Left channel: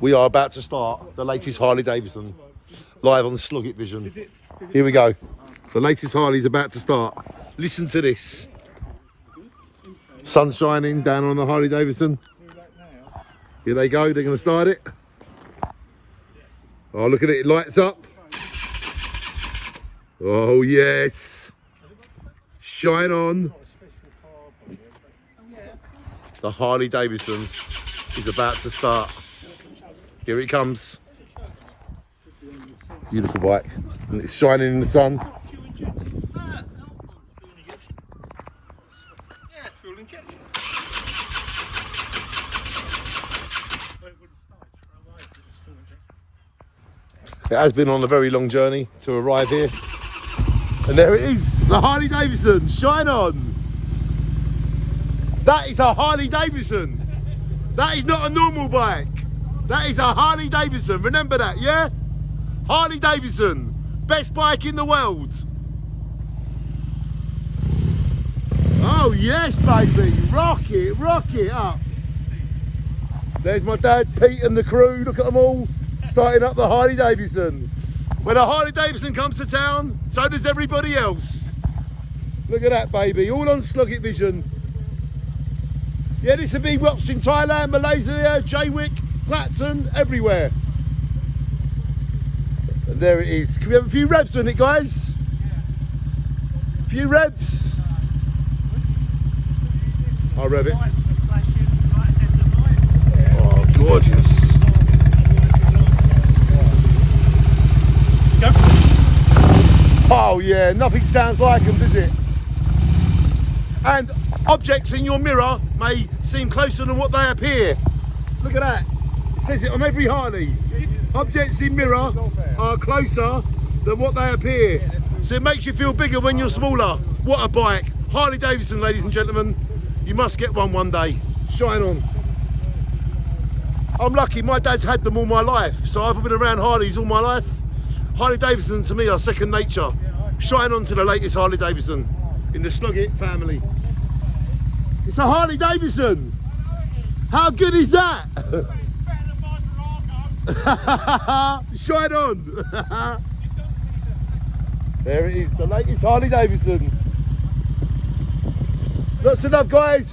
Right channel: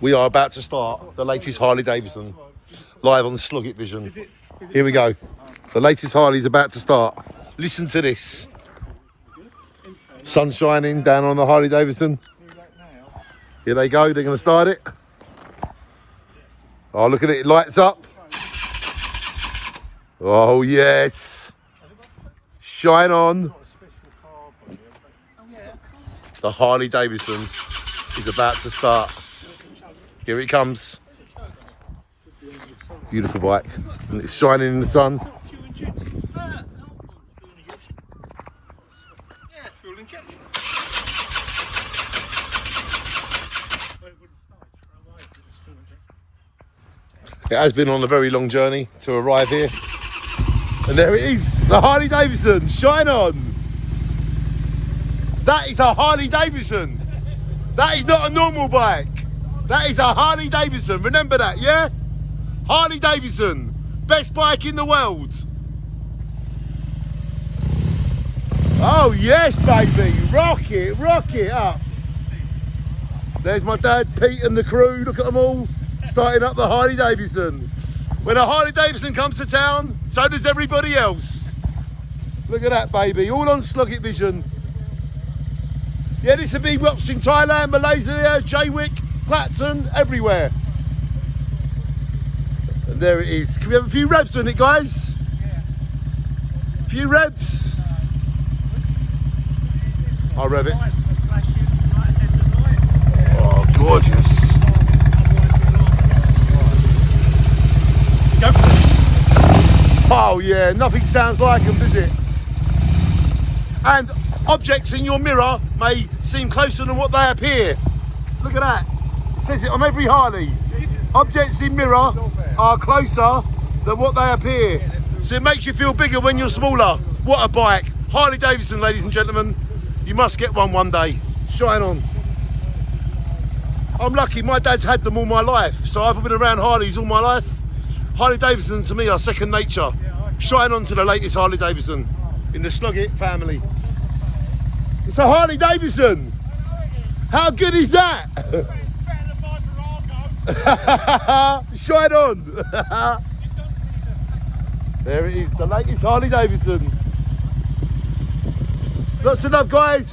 We are about to start the latest Harley Davidson live on Slug It Vision. Here we go. The latest Harley's about to start. Listen to this. Sun shining down on the Harley Davidson. Here they go. They're going to start it. Oh, look at it. It lights up. Oh, yes. Shine on. The Harley Davidson is about to start. Here it comes. Beautiful bike. And it's shining in the sun. Yeah, fuel injection. It has been on a very long journey to arrive here. And there it is, the Harley Davidson, shine on. That is a Harley Davidson. That is not a normal bike. That is a Harley Davidson, remember that, yeah? Harley Davidson, best bike in the world. Oh yes, baby, rock it up. There's my dad, Pete and the crew, look at them all, starting up the Harley Davidson. When a Harley Davidson comes to town, so does everybody else. Look at that, baby, all on Slug It Vision. Yeah, this will be watched in Thailand, Malaysia, Jaywick, Clacton, everywhere. And there it is. Can we have a few revs on it, guys? Yeah. A few revs. I'll rev it. Oh, gorgeous. Oh yeah, nothing sounds like them, does it? And objects in your mirror may seem closer than what they appear. Look at that. It says it on every Harley. Objects in mirror are closer than what they appear. So it makes you feel bigger when you're smaller. What a bike. Harley Davidson, ladies and gentlemen. You must get one day. Shine on. I'm lucky, my dad's had them all my life. So I've been around Harleys all my life. Harley Davidson to me are second nature. Shine on to the latest Harley Davidson in the Slug It family. It's a Harley Davidson. How good is that? Shine on. There it is, the latest Harley Davidson. Lots of love, guys.